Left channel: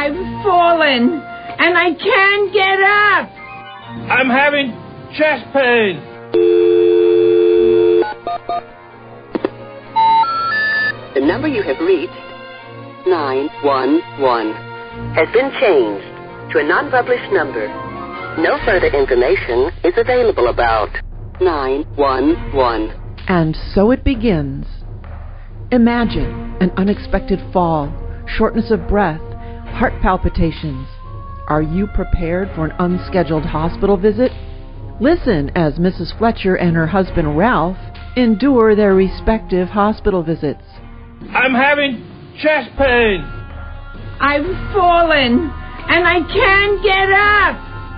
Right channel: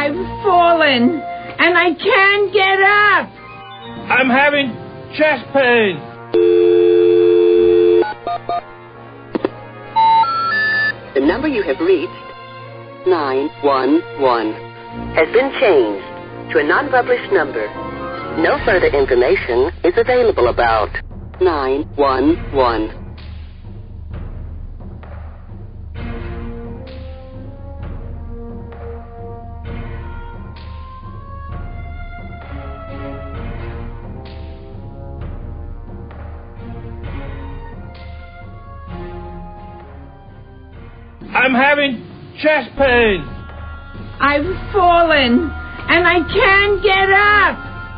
I've fallen, and I can't get up. I'm having chest pain. The number you have reached, 911, has been changed to a non-published number. No further information is available about 911. And so it begins. Imagine an unexpected fall, shortness of breath, heart palpitations. Are you prepared for an unscheduled hospital visit? Listen as Mrs. Fletcher and her husband Ralph endure their respective hospital visits. I'm having chest pain. I've fallen, and I can't get up.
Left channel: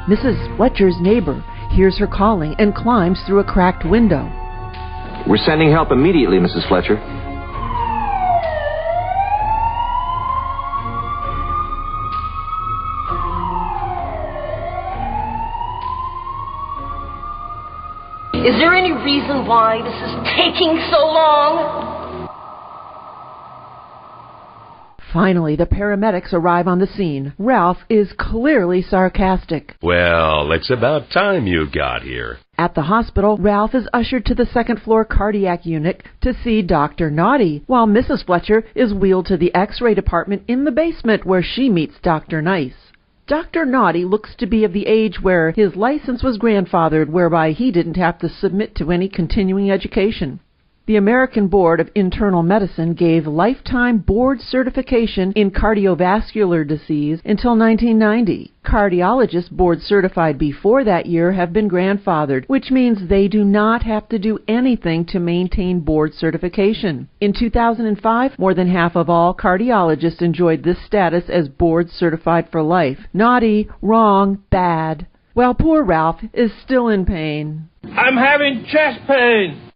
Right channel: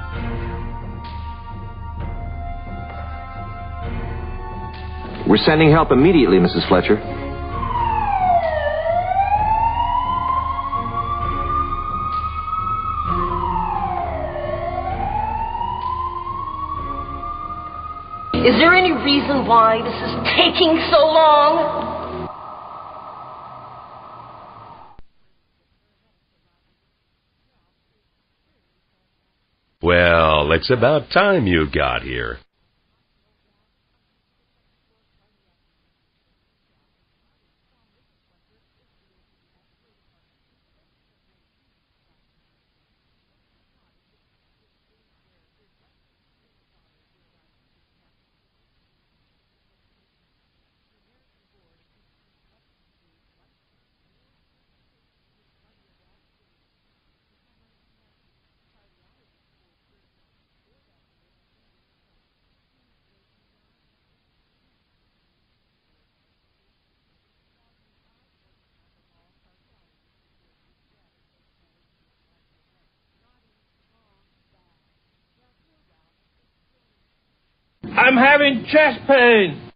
Mrs. Fletcher's neighbor hears her calling and climbs through a cracked window. We're sending help immediately, Mrs. Fletcher. Is there any reason why this is taking so long? Finally, the paramedics arrive on the scene. Ralph is clearly sarcastic. Well, it's about time you got here. At the hospital, Ralph is ushered to the second-floor cardiac unit to see Dr. Naughty, while Mrs. Fletcher is wheeled to the X-ray department in the basement where she meets Dr. Nice. Dr. Naughty looks to be of the age where his license was grandfathered, whereby he didn't have to submit to any continuing education. The American Board of Internal Medicine gave lifetime board certification in cardiovascular disease until 1990. Cardiologists board certified before that year have been grandfathered, which means they do not have to do anything to maintain board certification. In 2005, more than half of all cardiologists enjoyed this status as board certified for life. Naughty, wrong, bad. Well, poor Ralph is still in pain. I'm having chest pain.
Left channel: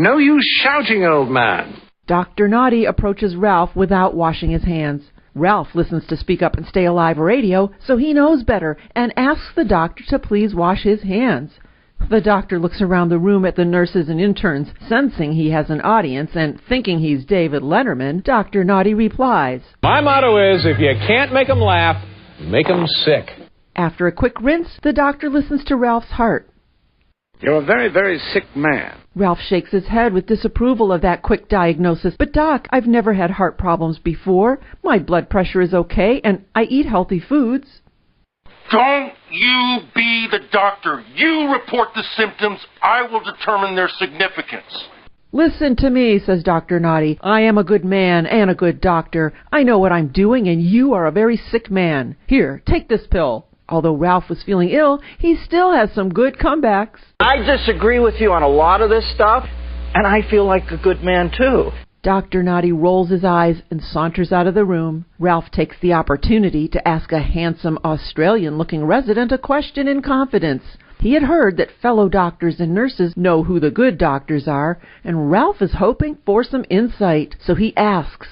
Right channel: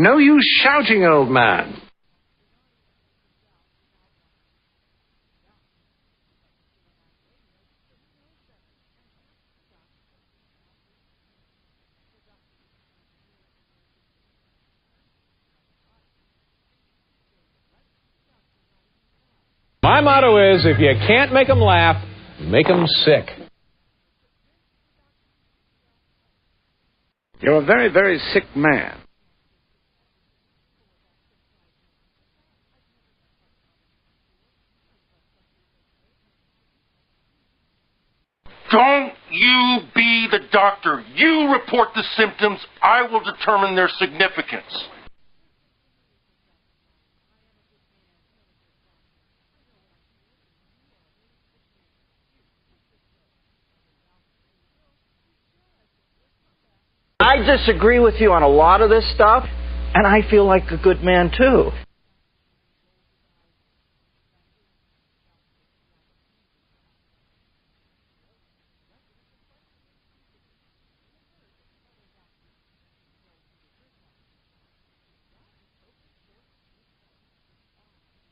No use shouting, old man. Dr. Naughty approaches Ralph without washing his hands. Ralph listens to Speak Up and Stay Alive radio, so he knows better, and asks the doctor to please wash his hands. The doctor looks around the room at the nurses and interns, sensing he has an audience, and thinking he's David Letterman, Dr. Naughty replies, My motto is, if you can't make 'em laugh, make 'em sick. After a quick rinse, the doctor listens to Ralph's heart. You're a very, very sick man. Ralph shakes his head with disapproval of that quick diagnosis. But Doc, I've never had heart problems before. My blood pressure is okay, and I eat healthy foods. Don't you be the doctor. You report the symptoms. I will determine their significance. Listen to me, says Dr. Naughty. I am a good man and a good doctor. I know what I'm doing, and you are a very sick man. Here, take this pill. Although Ralph was feeling ill, he still has some good comebacks. I disagree with you on a lot of this stuff, and I feel like a good man, too. Dr. Naughty rolls his eyes and saunters out of the room. Ralph takes the opportunity to ask a handsome Australian-looking resident a question in confidence. He had heard that fellow doctors and nurses know who the good doctors are, and Ralph is hoping for some insight. So he asks,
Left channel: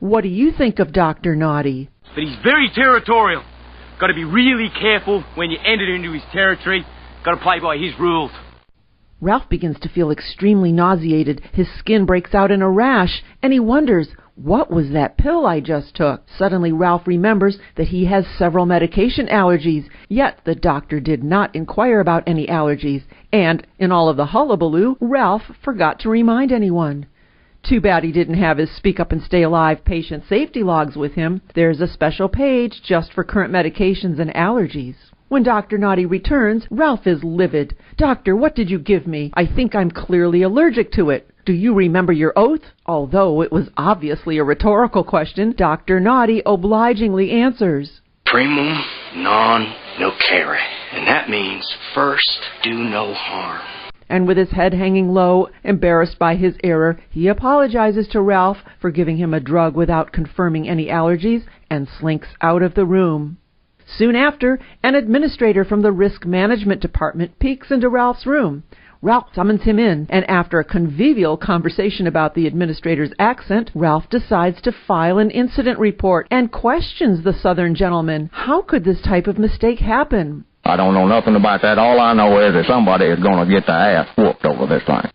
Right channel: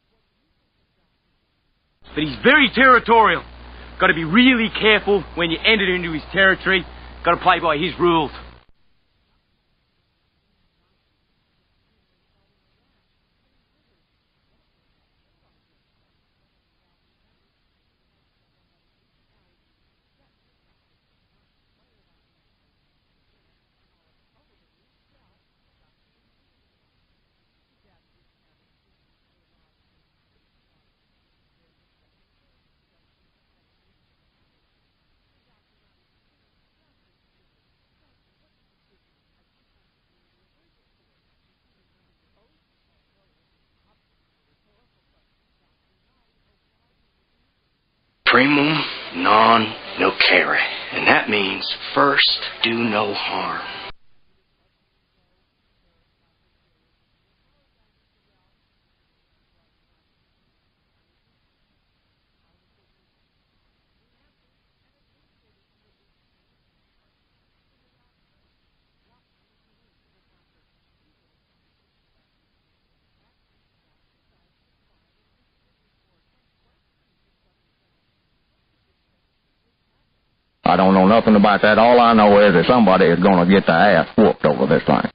what do you think of Dr. Naughty? But he's very territorial. Got to be really careful when you enter into his territory. Got to play by his rules. Ralph begins to feel extremely nauseated. His skin breaks out in a rash, and he wonders, what was that pill I just took? Suddenly, Ralph remembers that he has several medication allergies, yet the doctor did not inquire about any allergies, and in all of the hullabaloo, Ralph forgot to remind anyone. Too bad he didn't have his Speak Up and Stay Alive patient safety logs with him. There's a special page just for current medications and allergies. When Dr. Naughty returns, Ralph is livid. Doctor, what did you give me? I think I'm clearly allergic to it. Do you remember your oath? Although it was obviously a rhetorical question, Dr. Naughty obligingly answers. Primum non nocere. And that means first do no harm. And with his head hanging low, embarrassed by his error, he apologizes to Ralph for giving him a drug without confirming any allergies and slinks out of the room. Soon after, an administrator from the Risk Management Department peeks into Ralph's room. Ralph summons him in, and after a convivial conversation about the administrator's accent, Ralph decides to file an incident report and questions the Southern gentleman. How could this type of mistake happen? I don't know nothing about that. All I know is that somebody is going to get their ass whooped over this thing.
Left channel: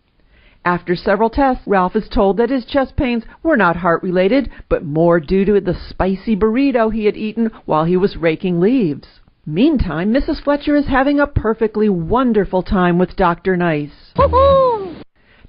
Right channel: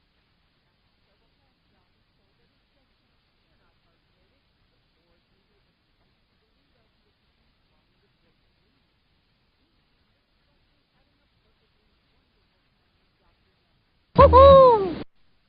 After several tests, Ralph is told that his chest pains were not heart-related, but more due to the spicy burrito he had eaten while he was raking leaves. Meantime, Mrs. Fletcher is having a perfectly wonderful time with Dr. Nice. Woo-hoo!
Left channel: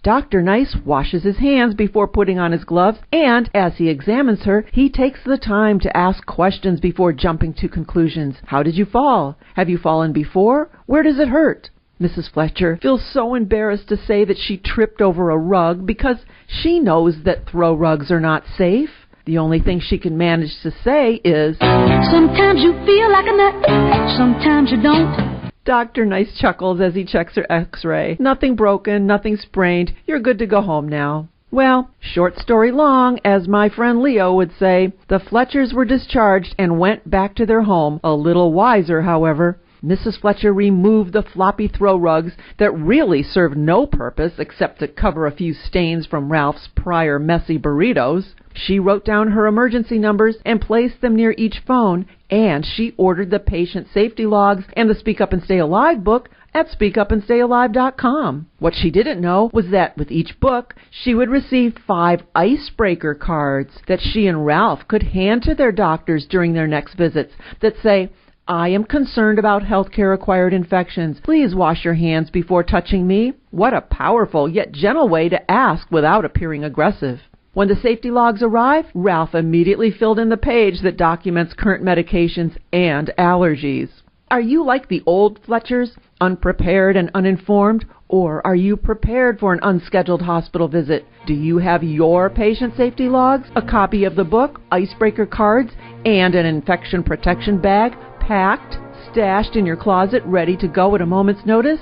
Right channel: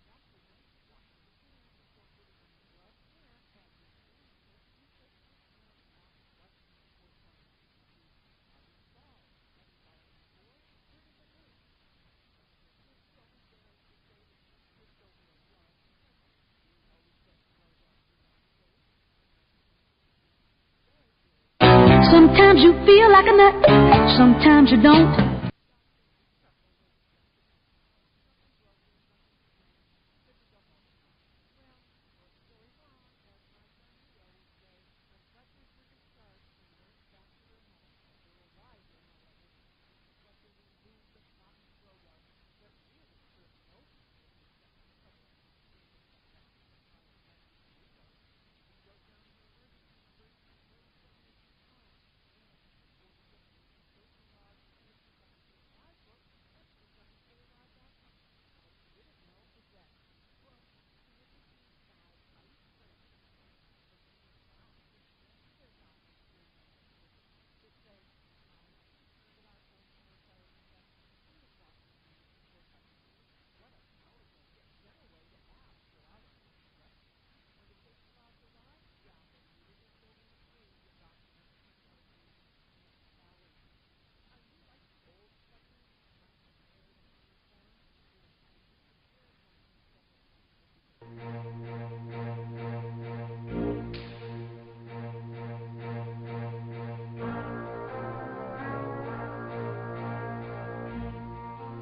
Dr. Nice washes his hands before putting on his gloves, and as he examines her, he takes the time to ask questions before jumping to conclusions. How did you fall? Have you fallen before? Where does it hurt? Mrs. Fletcher feels so embarrassed to say that she tripped over a rug because she knows that throw rugs are not safe. The only thing she can manage to say is, sometimes you feel like a nut, sometimes you don't. Dr. Nice chuckles as he checks her x-ray. Nothing broken, nothing sprained. You're good to go home now. Well, short story long, as my friend Leo would say, the Fletchers were discharged and went back to their home, a little wiser, however. Mrs. Fletcher removed the floppy throw rugs that really served no purpose except to cover a few stains from Ralph's prior messy burritos. She wrote down her emergency numbers and placed them near each phone, and she ordered the patient safety logs and the Speak Up and Stay Alive book at speakupandstayalive.com. What she didn't know was that with each book, she would receive 5 icebreaker cards that she and Ralph could hand to their doctors during their next visits that say, I am concerned about healthcare-acquired infections. Please wash your hands before touching me. What a powerful yet gentle way to ask without appearing aggressive. When the safety logs arrived, Ralph immediately filled in the page that documents current medications and allergies. Are you like the old Fletchers, unprepared and uninformed? Or are you prepared for an unscheduled hospital visit? Do you have your patient safety logs, a copy of the book, icebreaker cards, and an infection protection bag packed, stashed in your closet, ready to go at a moment's notice?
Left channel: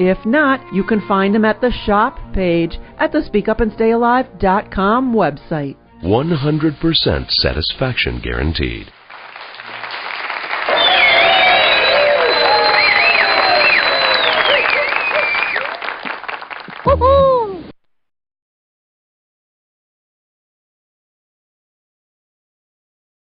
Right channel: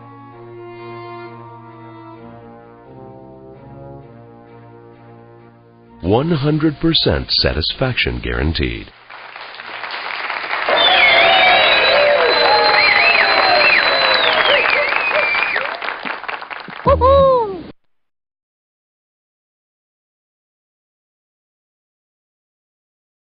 If not, you can find them at the shop page at the SpeakUpandStayAlive.com website. 100% satisfaction guaranteed.